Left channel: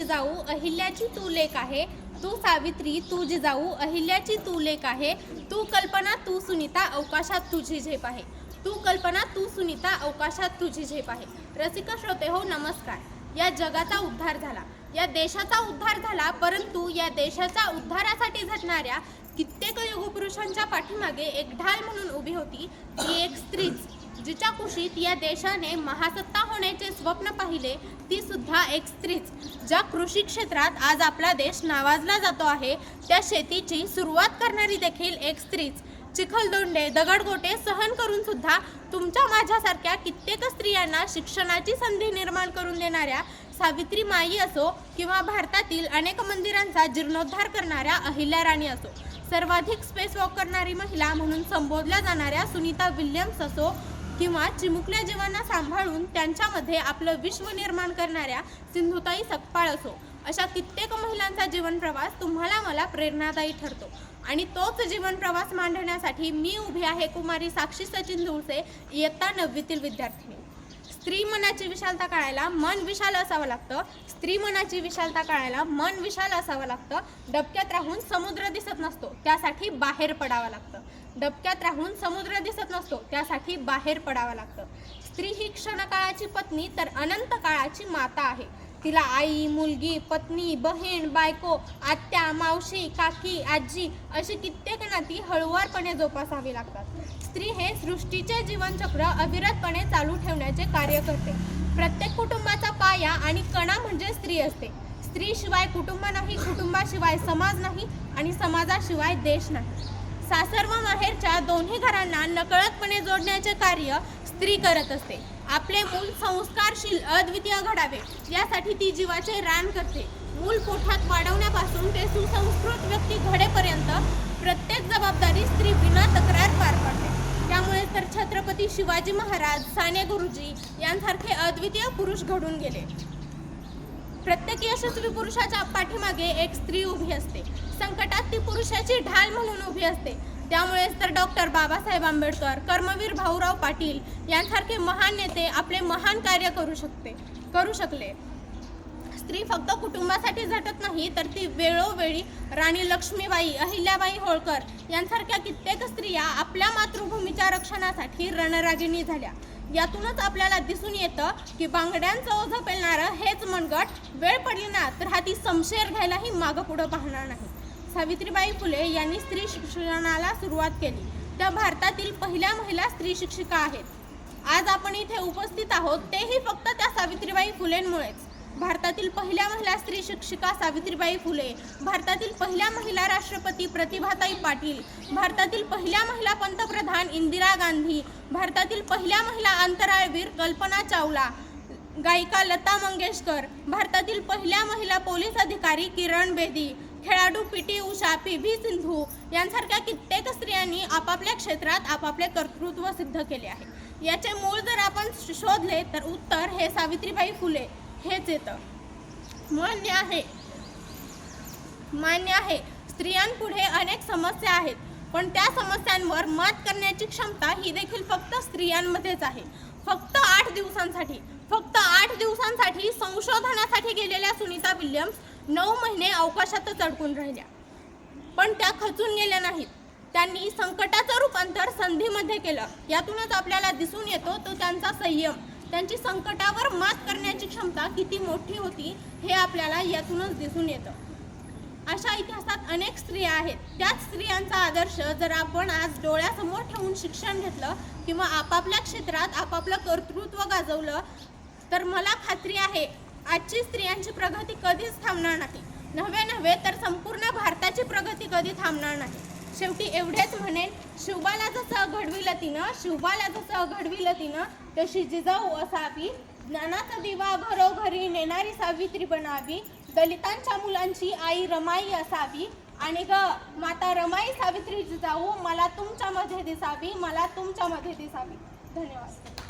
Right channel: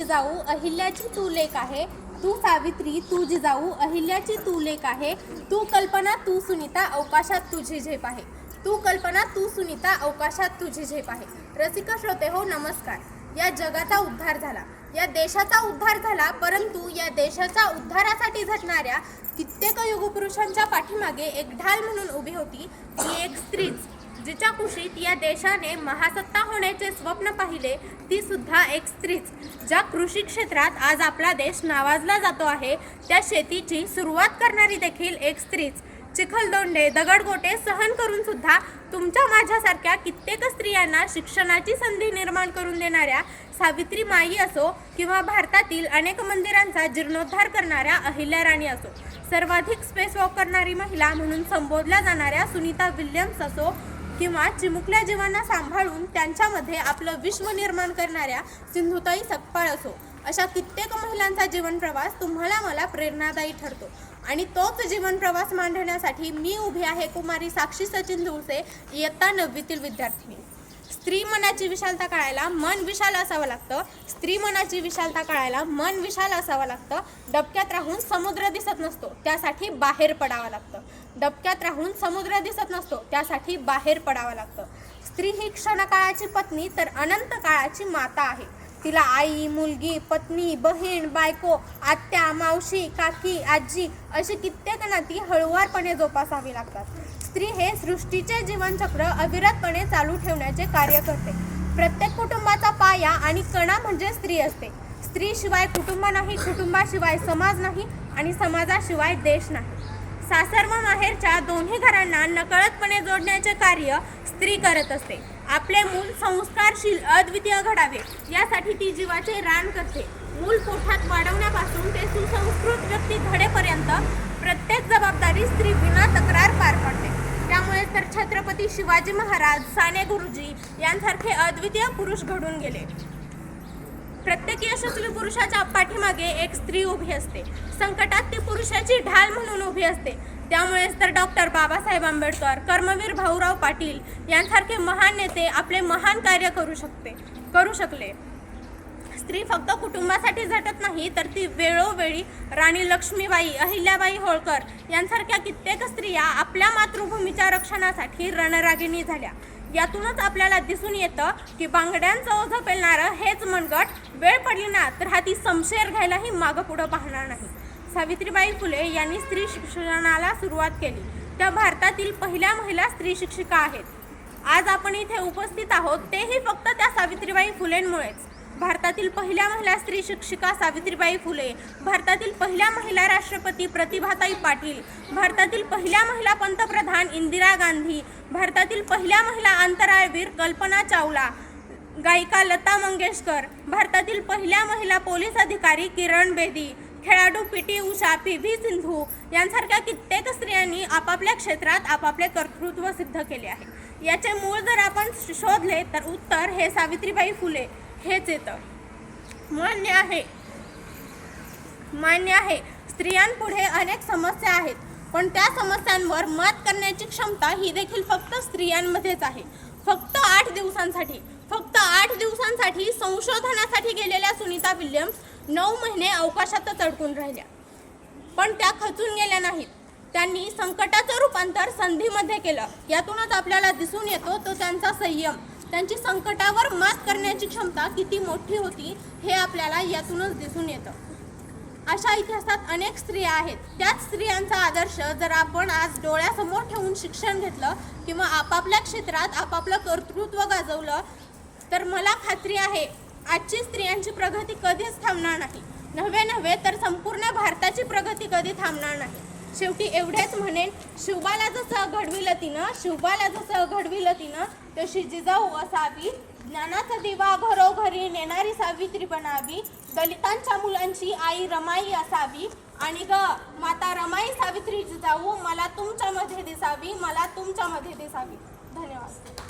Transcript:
जिजाऊ अहिल्याची तू लेक आहे, तू सावित्री तू जिजाऊ अहिल्याची तू लेक आहे, तू कल्पना तू सुनीता अवकाशात तुझी झेप आहे, तू कल्पना तू सुनीता अवकाशात तुझी झेप आहे. रसिक श्रोते हो नमस्कार. या जगाचा उद्धार झाला, या देशाचा उद्धार झाला, परंतु या देशाच्या उद्धारासाठी झटणाऱ्या कित्येक युगपुरुषांच्या पाठीमागे एक ढाल म्हणून उभी होती ती एक स्त्रीच, जिच्या कुशीत या देशाने महासत्ता होण्याचे स्वप्न पाहिले ती सुद्धा एक स्त्रीच. ज्या कृषी क्षेत्रात आज आपला देश नावाजला जातो आहे, त्या शेतीची सुरुवात करणारी देखील एक स्त्रीच. चिखलदोंडे दगडगोटे सहन करून सुद्धा तुमच्या माझ्यासारख्या कित्येक स्त्रियांना शिक्षणाची संधी निर्माण करून देणाऱ्या सावित्री माई असो किंवा भारतातील अनेक मंदिरांचा जीर्णोद्धार करणाऱ्या अहिल्याराणी असो, सर्वाधिक स्पेस वॉक करणारी महिला म्हणून संबोधल्या जाणाऱ्या सुनीता विल्यम्स असो किंवा चिमुकल्या जीवांना सांभाळून त्यांच्यामध्ये आपलं विश्व निर्माण करणाऱ्या सिंधुताई सकपाळ असो, अशा कित्येक महिलांचा जीवन प्रवास तुम्हाला मला प्रेरणादायी ठरतो. आणि तोच जीवन प्रवास मांडण्यासाठी मी उभी आहे कुमारी साक्षी सचिन धुळसे, इयत्ता 9वीतील विद्यार्थिनी. स्त्री मनाची विशालता कळायला मन विशाल असावं लागतं, स्त्री मनाची विशालता कळायला मन विशाल असावं लागतं. डबक्यात राहून समुद्र दिसत नसतो, त्यासाठी बाहेर पडावं लागतं. डबक्यात राहून समुद्र दिसत नसतो, त्यासाठी बाहेर पडावं लागतं. स्त्री ही क्षणकाळाची पत्नी तर अनंत काळाची माता आहे. तिला आई, मुलगी, पत्नी, बहीण, बायको, आत्या, मावशी, काकी, आजी अशी कित्येक नाती हळुवारपणे जोपासावी लागतात. स्त्री हे सृष्टीचे जीवनचक्र अविरतपणे चालू ठेवण्याचे कार्य करते. प्रत्येक कुटुंबाचा पाया आणि कणा म्हणजे स्त्री असते. स्त्रीशिवाय कुटुंब नाही, कुटुंबाशिवाय समाज नाही आणि समाजाशिवाय देश नाही. सासर व माहेरच्या दोन्ही घरांना नकळतपणे जोडण्याचे कार्य स्त्री करत असते. आपले मूल संस्कारशील अद्वितीय घडावे यासाठी ती जीवाचे रान करते. मूल पोटात वाढवण्यापासून ते सुसंस्कृत व्यक्ती घडेपर्यंत प्रत्येक जबाबदारी स्त्री विना तक्रार पार पाडते. त्यामुळे तर छत्रपती शिवाजी महाराज, साने गुरुजी यांसारखे अद्वितीय पुरुष घडून गेले. प्रत्येक यशस्वी पुरुषाच्या पाठीमागे एक स्त्री उभी असते. संकटात ती पुरुषाची ढाल म्हणून उभी असते. त्यामुळेच तर डॉक्टर बाबासाहेब आंबेडकर, कर्मवीर भाऊराव पाटील यांसारखे महान नेते आपले महान कार्य करू शकले. स्त्री फक्त कुटुंबासाठी झटत नाही, तर ती वेळोवेळी राणी लक्ष्मीबाई, अहिल्याबाई होळकर यांसारख्या कित्येक स्त्रिया आपल्या मातृभूमीच्या रक्षणासाठी रणरागिणी झाल्या. यातूनच आपल्याला दिसून येतं की बांगड्यांचं ओझं पेलणारं हेच मनगट वेळ पडली ना तर हाती शमशेर घ्यायलाही मागं पुढं पाहणार नाही. सावित्रीबाई फुले यांनी स्त्री शिक्षणाला सुरुवात केली. त्या भारतातील पहिल्या महिला स्त्री शिक्षिका आहेत. आज आपण इथे उपस्थित आहोत तेही फक्त त्या सावित्रीबाई फुलेंमुळेच. भारतातील पहिल्या महिला स्त्री शिक्षिका सावित्रीबाई फुले, भारतातील पहिल्या महिला राष्ट्रपती प्रतिभाताई पाटील, भारतातील पहिल्या महिला पंतप्रधान इंदिरा गांधी, भारतातील पहिल्या महिला अंतराळवीर कल्पना चावला, गायिका लता मंगेशकर, भारतातील पहिल्या महिला पोलीस अधिकारी किरण बेदी, खेळाडू पीटी उषा, पी.व्ही. सिंधू यांसारख्या कित्येक स्त्रियांनी आपापल्या क्षेत्रात आपापले कर्तृत्व सिद्ध केले आहे. याचे मूळ जर आपण शोधले तर उत्तर हे सावित्रीबाई फुले हेच येतं. मान्य आहे स्त्रियांपुढे अनेक समस्या आहेत, पण त्या समस्यांवर मात करण्याची क्षमता ही देखील फक्त स्त्रियांमध्येच आहे. फक्त 8 दिवसांसाठी संशोधनासाठी गेलेल्या सुनीता विल्यम्स 9 महिने अवकाशातच अडकून राहिल्या, पण त्या खचून गेल्या नाहीत. त्यांनी संकटाचं रूपांतर संधीमध्ये केलं. यातूनच आपल्याला दिसून येतो तो त्यांचा संयम. त्यांची संकटावर मात करण्याची क्षमता किती मोठी होती हे आपल्याला यातूनच दिसून येतं. अशा इतिहासात अनेक स्त्रिया आहेत. त्याच स्त्रियांचा आदर्श जर आपण आज डोळ्यासमोर ठेवून शिक्षण घेतलं किंवा आपापल्या क्षेत्रात आपापलं कर्तृत्व गाजवलं तर मला खात्री आहे आजची स्त्रियांची प्रगती कधीच थांबणार नाही. नव्हे तर संपूर्ण भारताची प्रगती कधी थांबणार नाही. शेवटी एवढेच म्हणेन, शिवबाला जसं घडविलं तिनं तशी जिजाऊ असावी. ज्ञानाचा दिवा घरोघरी नेणारी सावित्री बनावी. दलितांच्या मुलांची आई रमाई असावी. आणि माता रमाई सावित्री जिजाऊ मला तुमच्यामध्ये दिसावी. धन्यवाद.